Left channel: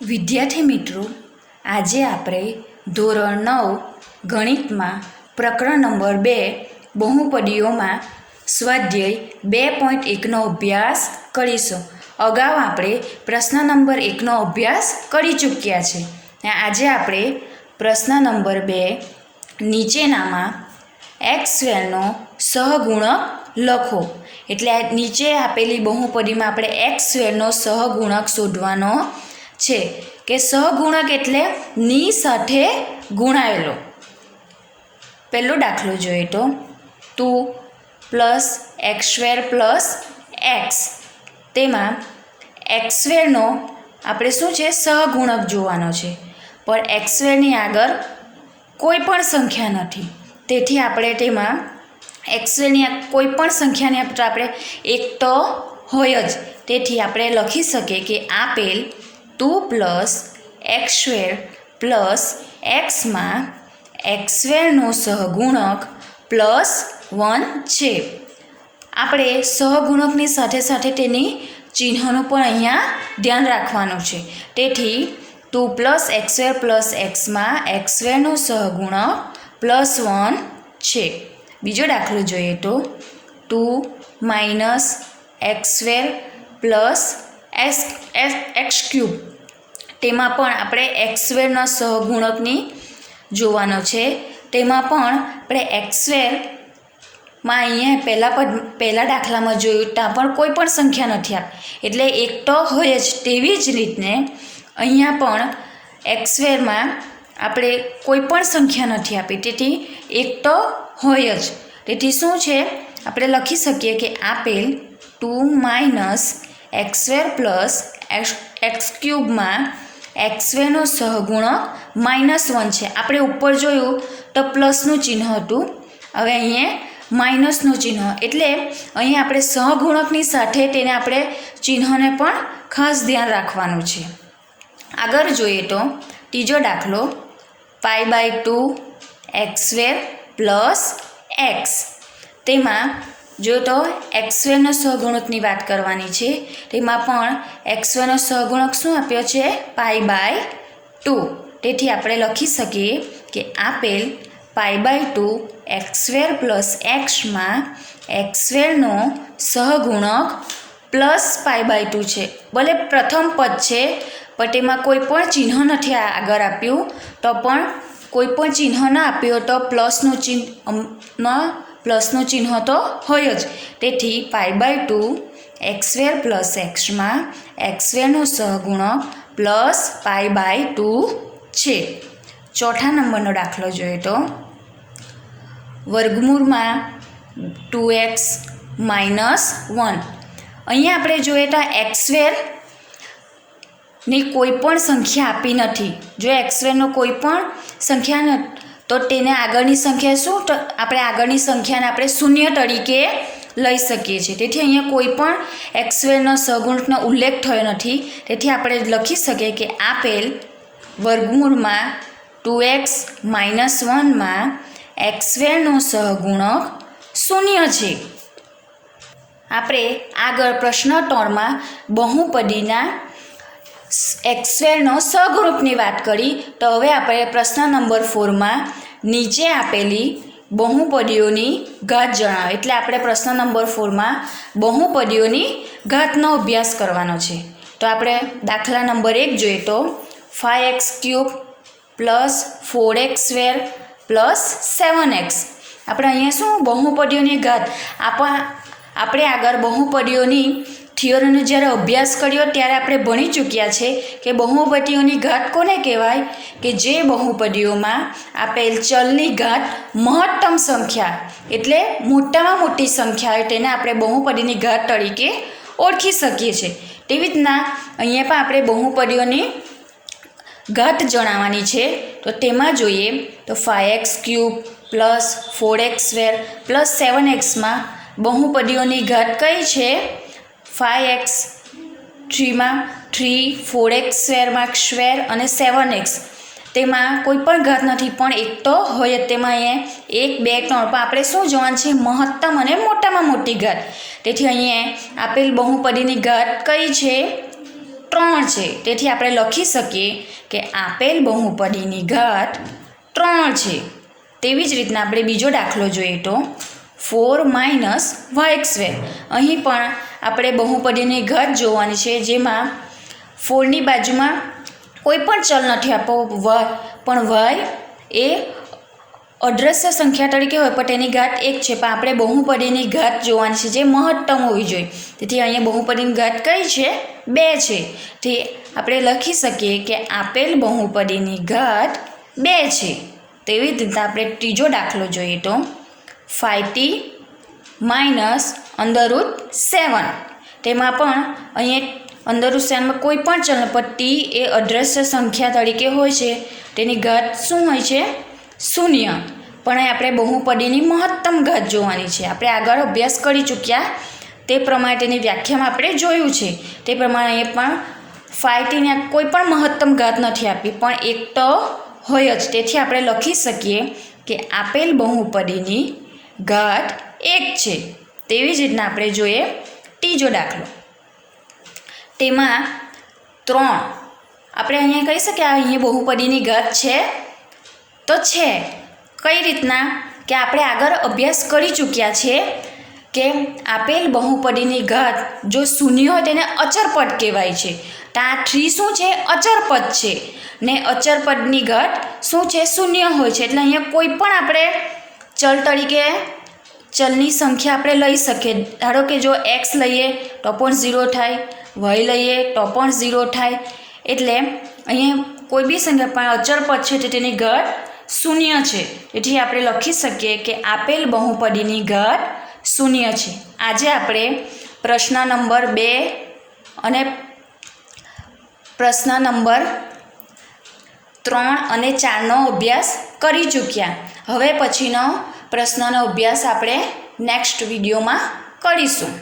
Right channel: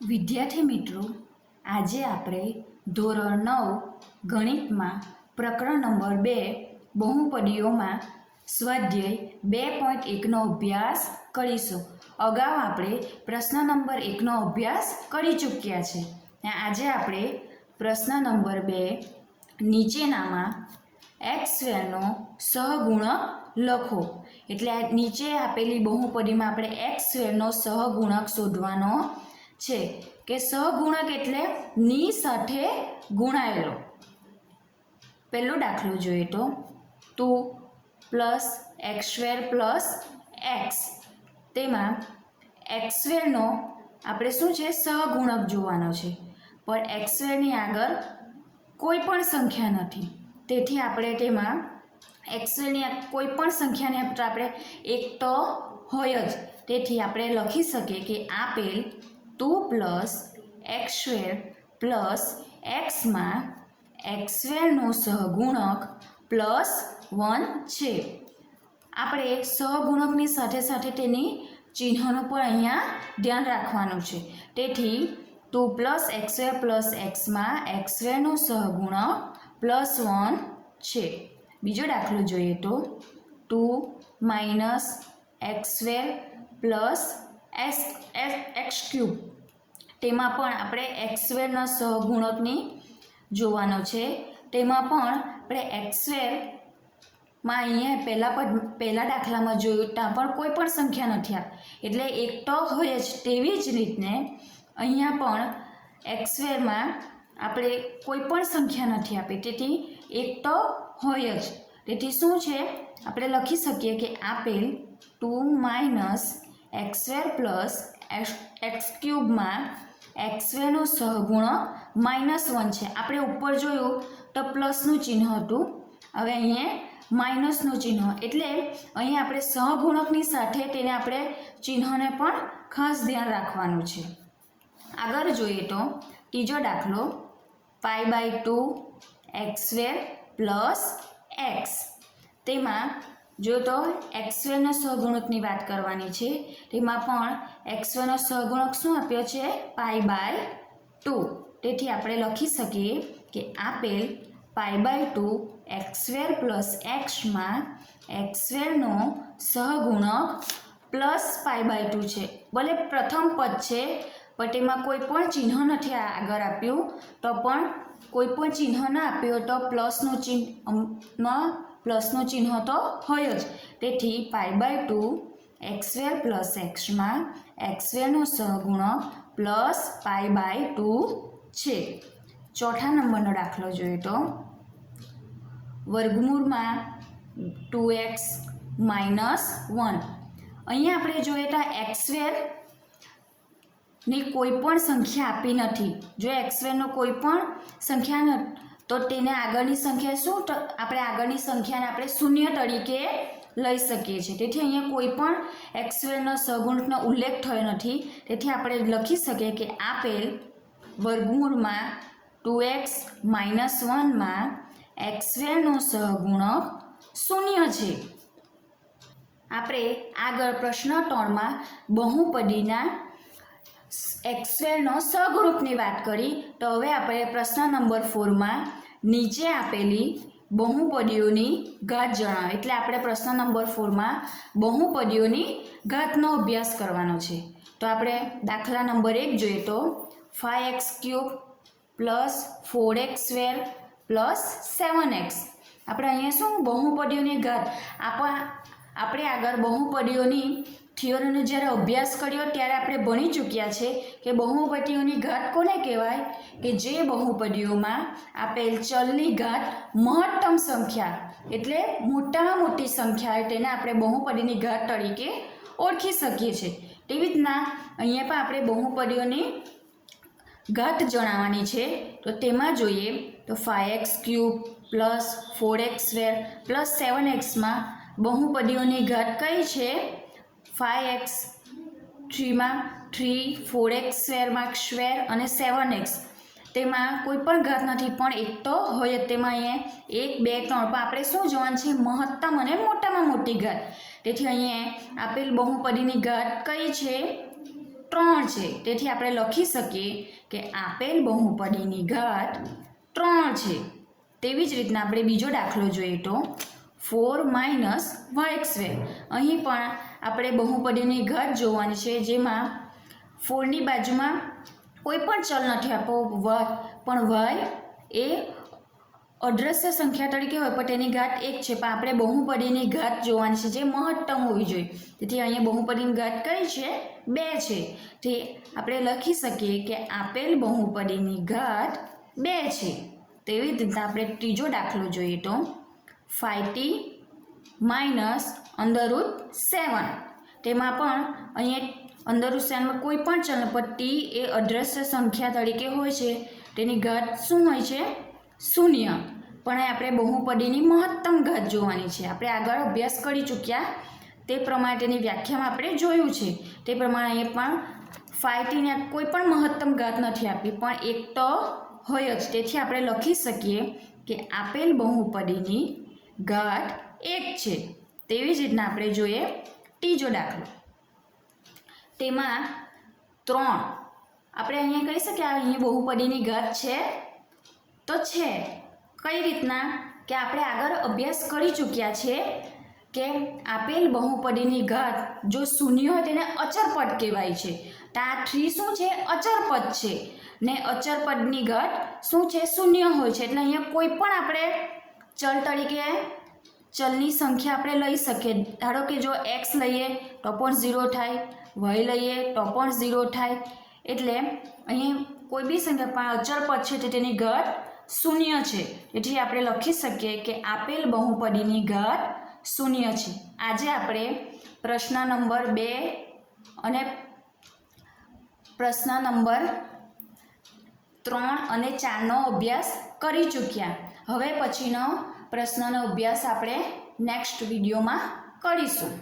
વિદ્યાર્થી મિત્રો, આજે આપણે ધોરણ 9 ગણિતમાં પ્રકરણ નંબર 2 બહુપદીઓમાં સ્વાધ્યાય 2.1નો અભ્યાસ કરીશું. અગાઉ આપણે પ્રશ્ન નંબર 1નો અભ્યાસ કરી ચૂક્યા છે. આજે આપણે પ્રશ્ન નંબર 2 નીચેનામાં x2નો સહગુણક લખો. એટલે નીચે આપેલી બહુપદીમાં આપણે x2નો સહગુણક શોધવાનો છે કે સહગુણક એટલે ની સાથે ગુણાયેલો. પહેલો દાખલો જોઈએ તો 2 + x2 + x. તેમાં x2નો આપણે શું છે સહગુણક જોવાનો છે, પણ x2ની આગળ કોઈ પણ સંખ્યા નથી. તેથી આપણે તેમાં x2ની કોઈ પણ સંખ્યાને આપણે એક તો હોય જ. તેથી આપણે લખી શકીએ કે આપેલ 2 + x2 + xમાં x2નો સહગુણક +1 છે. આપણે સહગુણકની સાથે સાથે તેની ચિહ્નનું પણ અહીંયા ધ્યાન રાખવાનું છે. તેથી 2 + x2 + xમાં x2નો સહગુણક +1 છે. બીજો દાખલો જોઈએ તો 2 - x2 + x3. તેમાં પણ આપણે x2ના સહગુણકની જોવાનો છે. તેમાં પણ આપણે x2માં અહીંયા પહેલા દાખલામાં જોયું ત્યાં પણ કોઈ પણ સંખ્યા નથી આપી, એટલે એક તો હોય જ. તેવી જ રીતને અહીંયા પણ x2માં આપણે કોઈ પણ સંખ્યા નથી આપી, તેથી એક તો હોય જ. તેથી શું છે આપણે લખી શકીએ કે આપેલ 2 - x2 + x3માં x2નો સહગુણક -1 છે. આપણે ઉપર જોયું તો પ્લસનું ચિહ્ન હતું, હવે અહીંયા માઇનસનું ચિહ્ન. એટલે અહીં આપણે સહગુણકની સાથે તેને આપણે ચિહ્નને પણ ખાસ ધ્યાન રાખવાનું છે. આગળ જોઈએ તો ત્રીજો દાખલો π/2 x2 + x. તેમાં જો તો x2ના સહગુણકની વાત કરવાની છે. તેમાં પણ x2નો સહગુણક શું આપ્યો છે π/2. તેથી આપણે લખી શકીએ કે આપેલ π/2 x2 + xમાં x2નો સહગુણક +π/2 છે. ભલે પ્રથમ પદ છે પણ તેમાં કોઈ પણ ચિહ્ન નથી આગળ આપ્યું, તો પણ કોઈ પણ ચિહ્ન ના આપ્યું તો પ્લસનું ચિહ્ન તો હોય જ. તેથી π/2 x2 + xમાં x2નો સહગુણક +π/2 છે. ચોથા નંબરનો દાખલો જોઈએ તો વર્ગમૂળમાં 2x - 1. અહીંયા આપણે જોઈએ તો x2ની કોઈ પણ સંખ્યા આપી નથી. જો x2નો કોઈ પણ સંખ્યા તો તેને આગળની સંખ્યા શું, તો આપણે આગળની સંખ્યાને આપણે શૂન્ય તરીકે લઈ શકીએ છીએ. તેથી અહીંયા કોઈ પણ x2નો સહગુણકનો ઉલ્લેખ થયો નથી. તેથી આપણે લખી શકીએ કે આપેલ વર્ગમૂળમાં 2x - 1માં x2નો સહગુણક 0 છે. આપણે આગળ પ્રશ્ન 3માં બહુપદીના x2નો સહગુણકની વાત કરી. તો હવે આપણે પ્રશ્ન નંબર 4માં નીચે આપેલી બહુપદીઓની ઘાત જણાવો. એટલે આપણે પ્રશ્ન નંબર 4માં બહુપદીઓની ઘાતનો અભ્યાસ કરવાનો છે. તો આપણે દાખલા નંબર 1 જોઈએ તો 5x3 + 4x2 + 7x. આપણે અહીંયા શું બહુપદીઓની ઘાત આપણે આગળ બહુપદીઓની થિયરીનો જ્યારે અભ્યાસ કર્યો ત્યારે આપણે ભણી ચૂક્યા છે કે બહુપદીઓની ઘાત કોને કહેવાય, કે જે બહુપદીઓમાં આપેલ ચલની ઘાત મહત્તમ સંખ્યા એટલે મોટામાં મોટી સંખ્યા હોય તેને આપણે બહુપદીની ઘાત તરીકે ઓળખી શકીએ છીએ. તેવી રીતના અહીંયા પણ આપણે બહુપદીઓની ઘાત જણાવવાની છે. તો તેમાં જોઈએ તો 5x3 + 4x2 + 7xમાં બહુપદીઓની ઘાત કઈ છે? 5x3માં 3, 4x2માં સ્ક્વેર અને 7x. તેમાં કોઈ પણ ઘાત નથી, પણ એક તો હોય જ. તેમાં અહીંયા 1, 2, 3 પણ આપણે શું જોવાનું છે મહત્તમ અને મોટામાં મોટી ઘાત. તેથી અહીંયા આપેલ બહુપદીની ઘાત કઈ છે? 3 છે. તેથી આપણે લખી શકીએ કે આપેલ બહુપદીની ઘાત 3 છે. તેવી જ રીતના આપણે બીજો દાખલો જોઈએ તો 4 - y². અહીં પણ આપણે બહુપદીની ઘાત જોવાની છે, જેમાં 4ની બાજુમાં કોઈ પણ ચલ નથી આપો પણ y એ અદ્રશ્ય સંખ્યા તરીકે હોય પણ તેની ઘાત 1 છે. પણ આપણે બહુપદીની ઘાત જોવાની છે, જે મહત્તમ હોવી જોઈએ. તેથી અહીંયા બહુપદીની ઘાત કઈ છે? 2 છે. તે આપણે લખી શકીએ કે આપેલ બહુપદીની ઘાત 2 છે. તેવી જ રીતે આપણે ત્રીજો દાખલો જોઈએ તો 5t - √7. તેમાં પણ અહીંયા √7માં કોઈ પણ ચલ પર t એ અદ્રશ્ય સંખ્યા તરીકે હોય છે. તેની ઘાત શું હોય છે? 0. પણ આપણે બહુપદીની મહત્તમ ઘાત જોવાની છે. આપણે આગળ અભ્યાસ કરી ચૂક્યા તે પ્રમાણે તેની વ્યાખ્યામાં આપણે જોયું છે. તે પ્રમાણે અહીંયા પણ 5tને કોઈ પણ મહત્તમ ઘાત નથી આપી, પણ એક તો હોય જ. તેથી આપણે લખી શકીએ કે આપેલ બહુપદીની ઘાત 1 છે. તેવી જ રીતના આપણે જોઈએ ત્રીજો દાખલો. તેમાં 3. આપણે અહીંયા કહી શકીએ અહીંયા બહુપદીની ઘાત છે તો છે. કઈ રીતના કે આપણે આગળ અભ્યાસ કરી ચૂક્યા છે કે આપેલ બહુપદીની ઘાત જો શૂન્ય હોય તેને અચર પદ કહેવાય છે. તો આ 3 શું છે? અચર પદ છે. ને અચર પદની ઘાત શું છે? શૂન્ય હોય છે. એટલે અહીંયા કોઈ પણ આપણે ચલ તરીકે ચલની સંખ્યા આપણે લઈ શકીએ. ધારો કે જો x લઈએ તો પણ 0 થાય, y લઈએ તો પણ 0 થાય. એટલે અહીંયા કોઈ બી સંખ્યા પણ અચર પદ છે તો તેની ઘાત 0 છે. તેથી આપણે લખી શકીએ કે આપેલ બહુપદીની ઘાત 0 છે. આજે આપણે પ્રશ્ન નંબર 2 અને પ્રશ્ન નંબર 3 અને 4નો અભ્યાસ કરી ચૂક્યા. હવે પછીનો પ્રશ્નનો અભ્યાસ આપણે નેક્સ્ટ વિડીયોમાં કરીશું.